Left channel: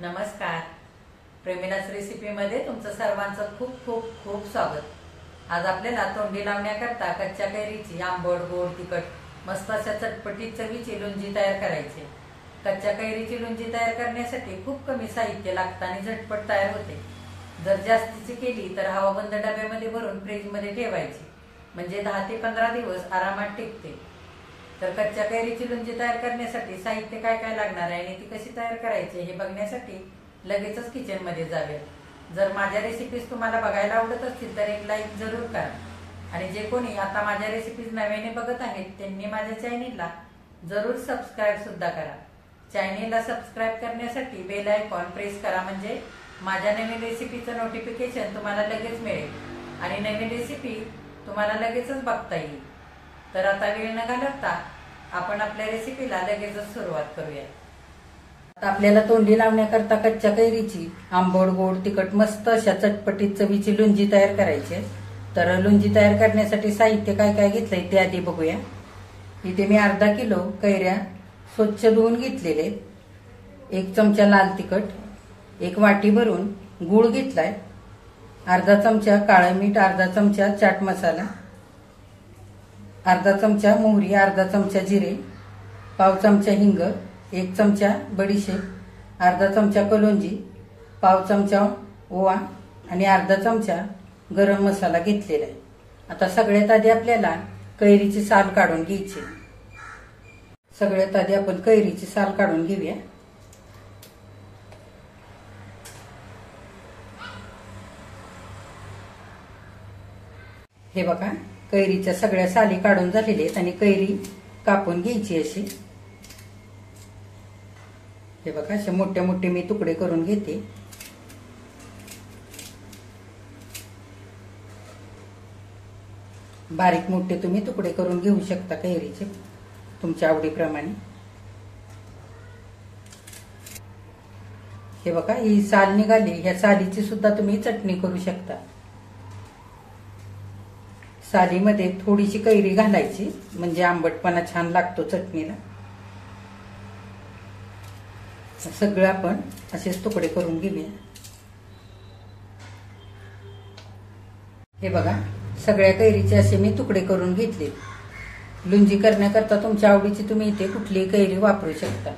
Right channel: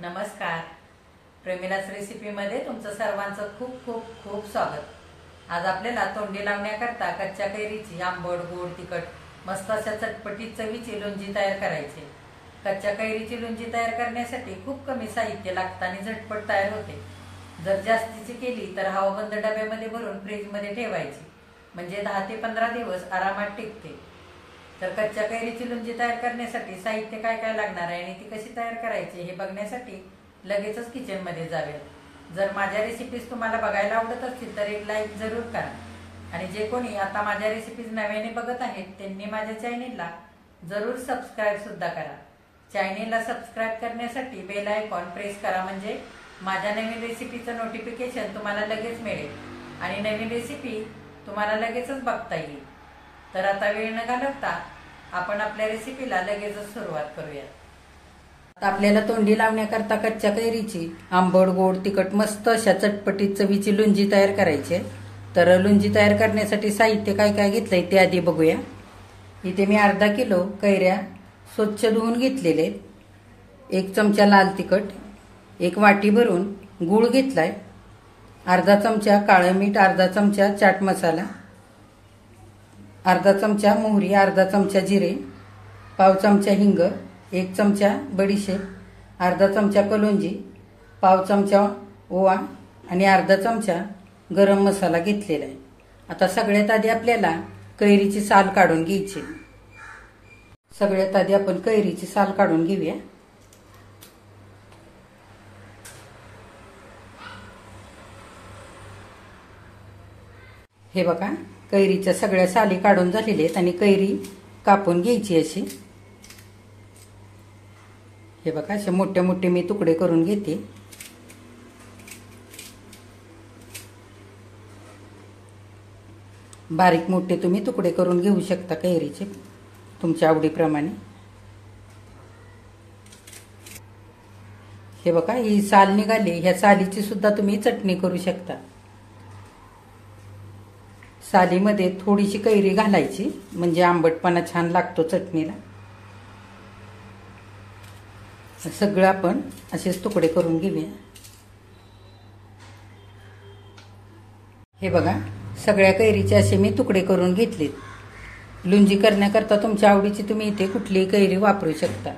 नमस्कार. प्रेमिलास रेसिपीमध्ये तुमचं सर्वांचं खूप खूप खूप स्वागत. आज आपल्याला तोंडी लावण्याकरता कच्च्या कैरीची आंबट गोड तिखट मस्त अशा चटपटीत चवीची लोणची तयार करायची. कच्च्या कैरीची लोणची तयार करण्यासाठी खूप कमी साहित्य लागतं आणि झटपट तयार होते. जर जास्तीची केली तर हवाबंद डब्यामध्ये भरून फ्रीजमध्ये ठेवायची, म्हणजे 10 ते 15 दिवस आरामात टिकते. तर कच्च्या कैरीची लोणची तयार करण्यासाठी साहित्य काय काय लागणार आहे आणि ती कशी तयार करायची हे बघण्यासाठी लगेचच किचन मध्ये जाऊया. जर माझ्या रेसिपीज तुम्हाला बघायला आवडत असतील तर एक लाईक जरूर करा. आणि जे कोणी आता माझ्या रेसिपीज नव्याने बघत आहेत त्यांनी माझ्या चॅनेलला जरूर सबस्क्राईब सुद्धा करा. चॅनेलला सबस्क्राईब करण्यासाठी बेल आयकॉन प्रेस करा, म्हणजे माझ्या नवीन रेसिपीचं नोटिफिकेशन तुम्हाला लगेच मिळेल आणि नवीन रेसिपी तुम्हाला लगेचच बघता येईल. तर आता वेळ न घालवता आपण आपल्या रेसिपीला लगेचच सुरुवात करूया. आता आपल्याला तोंडी लावण्याकरता कच्च्या कैरीची आंबट गोड तिखट मस्त अशा चटपटीत चवीची लोणची तयार करायची. तर लोणची तयार करण्यासाठी साहित्य काय काय घेतलंय ते आधी बघूया. इथे मी अर्धा किलो कैऱ्या स्वच्छ धुवून घेतलेले, 1 चमचा लाल तिखट, 1 वाटी भरून गूळ घेतलाय, अर्धा चमचा काळं मीठ, अर्धा चमचा चाट मसाला, अर्धा चमचा मोहरी, अर्धा चमचा जिरे, पाव चमचा हिंग, 1 चमचा बडीशेप, अर्धा चमचा कलोंजी, पाव चमचा ओवा आणि अर्धा चमचा गरम मसाला घेतलेला आहे. आता सगळ्यात आधी आपल्याला कैरीची साल काढून घ्यायची. सगळ्यात आधी आपण कैरीची साल काढून घेऊया. हे बघा, कैरीच्या सगळ्या साली काढून झालेल्या आहेत आणि कैरी कापून घ्यायची अशी. हे बघा, असे मोठे मोठे मी तुकडे करून घेते. बारीक मोठे तुम्ही तुकडे करून घेऊ शकता कैरीचे तुमच्या आवडीप्रमाणे. हे बघा, ही साल निघाली, ह्या सालीची सुद्धा तुम्ही चटणी करू शकता. सालीमध्ये थोडीशी कैरी घालायची, म्हणजे आंबटपणा छान लागतो चटणीला. सगळं आपण असेच तुकडे करून घेऊया. हे बघा, सगळ्या कैरीचे असे मी तुकडे करून घेतले. लोणची करण्याकरता तुमच्या आवडीची तुम्ही इथे कुठलीही कैरी वापरू शकता.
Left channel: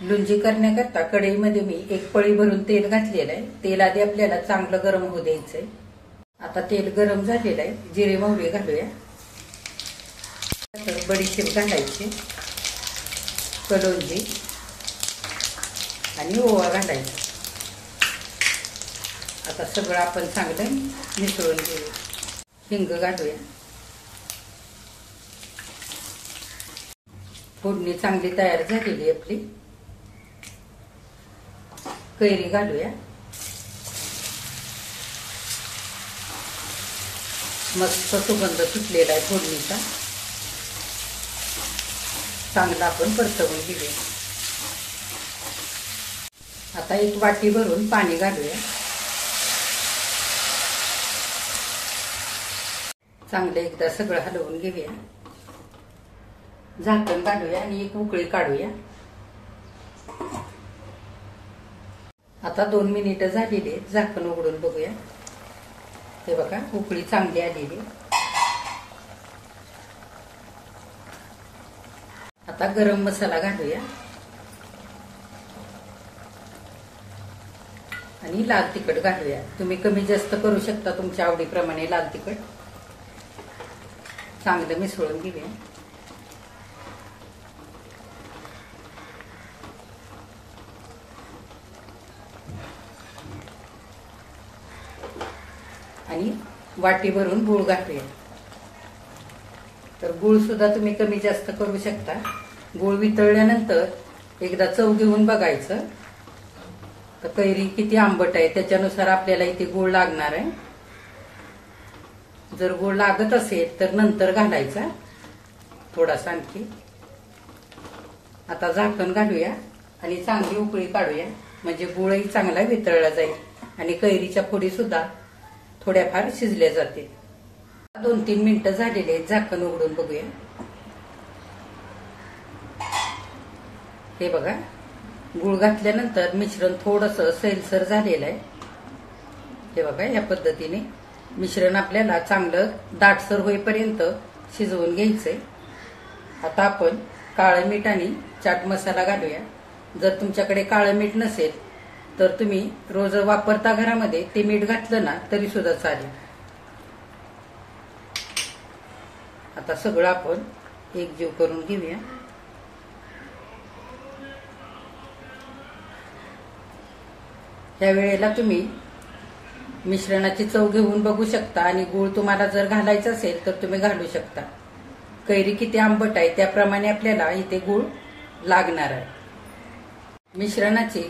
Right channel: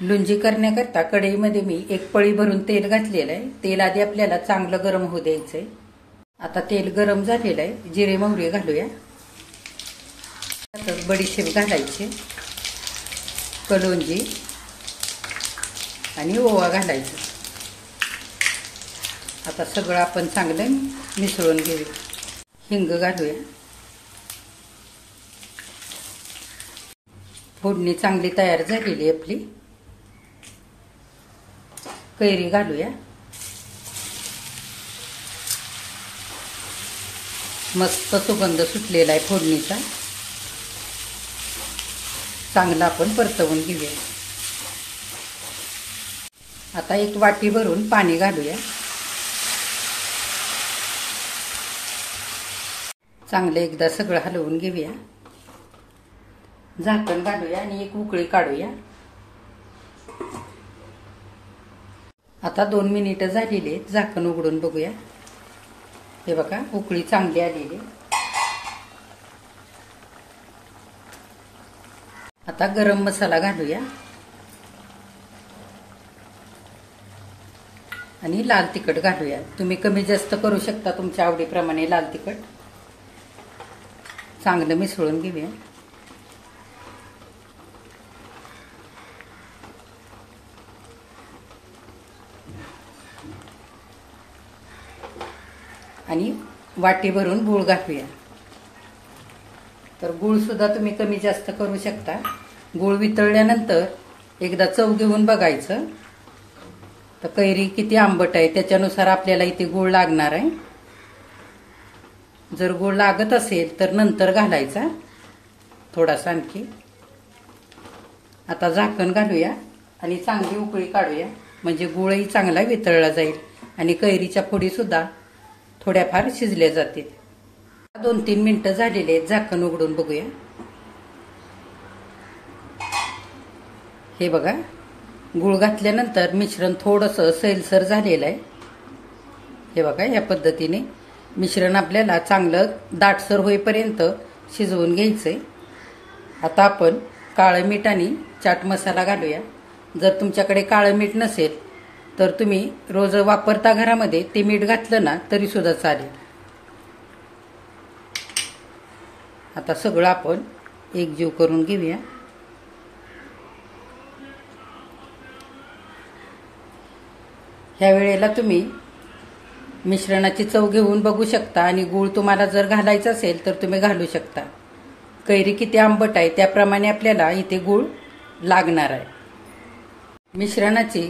लोणची करण्याकरता कढईमध्ये मी 1 पळी भरून तेल घातलेलं आहे. तेल आधी आपल्याला चांगलं गरम होऊ द्यायचंय. आता तेल गरम झालेलं आहे, जिरे मोहरी घालूया. बडीशेप घालायची, कलोंजी आणि ओवा घालायचा. आता सगळं आपण चांगलं मिसळून घेऊया. हिंग घालूया. फोडणी चांगली तयार झालेली आपली. कैरी घालूया. मस्त सुगंध सुटलेला आहे फोडणीचा. चांगला आपण परतवून घेऊया. आता 1 वाटी भरून पाणी घालूया. चांगलं एकदा सगळं हलवून घेऊया. झाकण घालूया आणि 1 उकळी काढूया. आता 2 मिनिटं झालेली, झाकण उघडून बघूया. हे बघा, उकळी चांगली आलेली. आता गरम मसाला घालूया आणि लाल तिखट घालूया. तुम्ही कमी जास्त करू शकता तुमच्या आवडीप्रमाणे लाल तिखट. चांगलं मिसळून घेऊया. आणि वाटी भरून गूळ घालूया. तर गूळ सुद्धा तुम्ही कमी जास्त करू शकता. गूळ वितळल्यानंतर एकदा चव घेऊन बघायचं. तर कैरी किती आंबट आहे त्याच्यानुसार आपल्याला इथे गूळ लागणार आहे. जर गूळ लागत असेल तर नंतर घालायचा थोडासा आणखी. आता झाकण घालूया आणि चांगली उकळी काढूया, म्हणजे गूळही चांगला वितळला जाईल आणि कैरीच्या फोडी सुद्धा थोड्याफार शिजल्या जातील. 2-3 मिनिटं झालेले आहेत, झाकण उघडून बघूया. हे बघा, गूळ घातल्यानंतर मिश्रण थोडंसं सैलसर झालेलं आहे. हे बघा, या पद्धतीने मिश्रण आपल्याला चांगलं दाटसर होईपर्यंत शिजवून घ्यायचंय. आता आपण काळं मीठ आणि चाट मसाला घालूया. जर तुमच्याकडे काळं मीठ नसेल तर तुम्ही रोज वापरता घरामध्ये ते मीठ घातलं ना तरी सुद्धा चालेल. आता सगळं आपण एकजीव करून घेऊया. ह्या वेळेला तुम्ही मिश्रणाची चव घेऊन बघू शकता आणि गूळ तुम्हाला जर घालायचा असेल तर तुम्ही घालू शकता. कैरी किती आंबट आहे त्याप्रमाणे आपल्याला इथे गूळ लागणार आहे. मिश्रणाची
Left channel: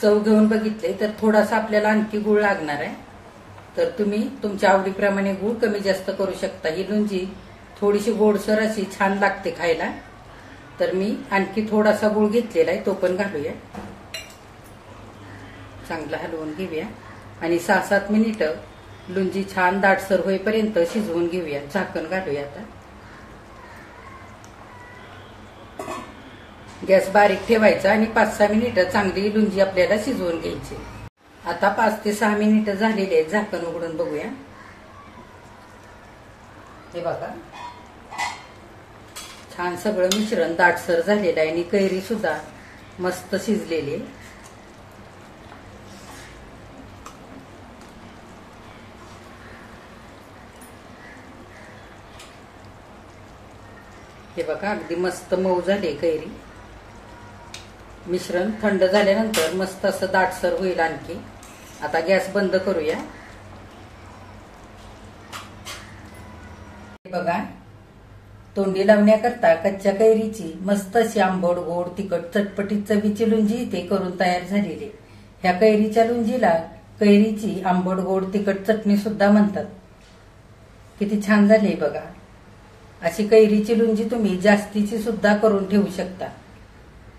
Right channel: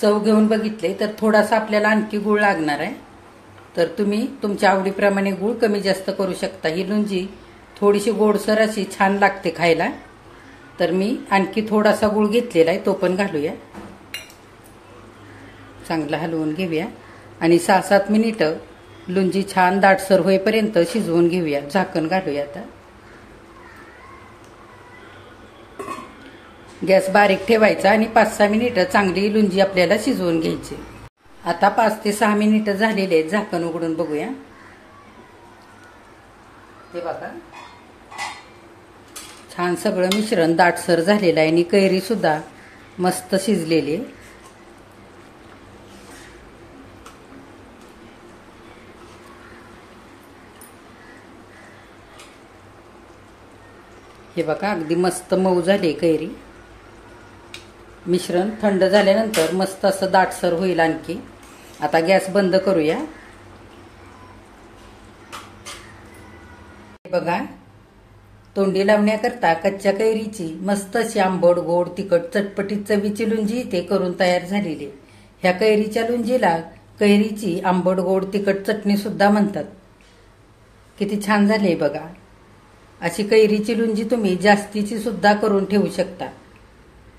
चव घेऊन बघितले तर थोडासा आपल्याला आणखी गूळ लागणार आहे. तर तुम्ही तुमच्या आवडीप्रमाणे गूळ कमी जास्त करू शकता. ही लुंजी थोडीशी गोडसर अशी छान लागते खायला. तर मी आणखी थोडासा गूळ घेतलेला आहे, तो पण घालूया. चांगला हलवून घेऊया आणि 6-7 मिनिटं लुंजी छान दाटसर होईपर्यंत शिजवून घेऊया. झाकण घालूया. आता गॅस बारीक ठेवायचा आणि 5-6 मिनिटं चांगली लुंजी आपल्याला शिजवून घ्यायची. आता 5 ते 6 मिनिटं झालेले आहेत. झाकण उघडून बघूया. ते बघा, छान सगळं मिश्रण दाटसर झालेलं आहे आणि कैरी सुद्धा मस्त शिजलेली आहे. हे बघा, अगदी मस्त मऊ झाली कैरी. मिश्रण थंड झाल्यानंतर मस्त असं दाटसर होईल आणखी. आता गॅस बंद करूया. बघा, तोंडी लावण्याकरता कच्च्या कैरीची मस्त अशी आंबट गोड तिखट चटपटीत चवीची लुंजी इथे करून तयार झालेली. ह्या कैरीच्या लुंजीला कैरीची आंबट गोड तिखट चटणी सुद्धा म्हणतात. किती छान झाली बघा. अशी कैरीची लुंजी तुम्ही जास्तीची सुद्धा करून ठेवू शकता.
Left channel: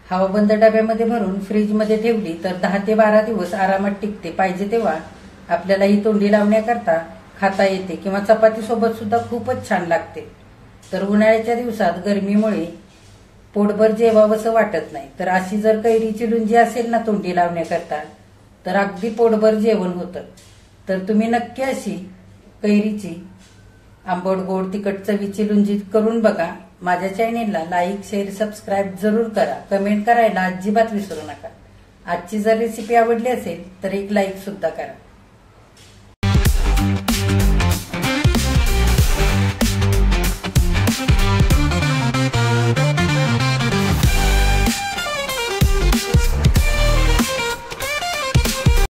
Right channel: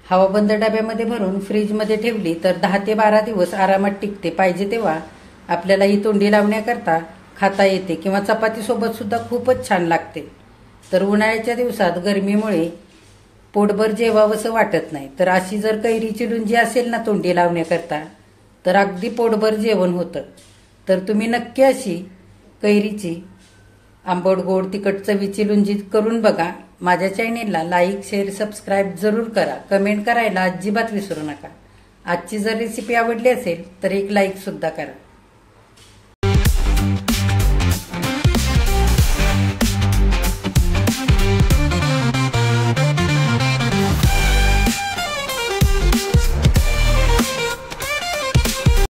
हवाबंद डब्यामध्ये भरून फ्रीजमध्ये ठेवली तर 10 ते 12 दिवस आरामात टिकते. पाहिजे तेव्हा आपल्याला ही तोंडी लावण्याकरता खाता येते किंवा चपाती सोबत सुद्धा खूपच छान लागते. तर उन्हाळ्याच्या दिवसात गरमीमुळे पोटभर जेवावंसं वाटत नाही. तर अशी जर कैरीची लुंजी असेल ना तोंडी लावण्याकरता तर अगदी पोटभर जेवण होतं. तर तुम्ही नक्की अशी कैरीची आंबट गोड तिखट चवीची लुंजी करून बघा. माझ्या चॅनेलला लाईक, शेअर, सबस्क्राईब जरूर करा. कमेंट करायला अजिबात विसरू नका. आजची जर रेसिपी आवडली असेल तर एक लाईक सुद्धा करा.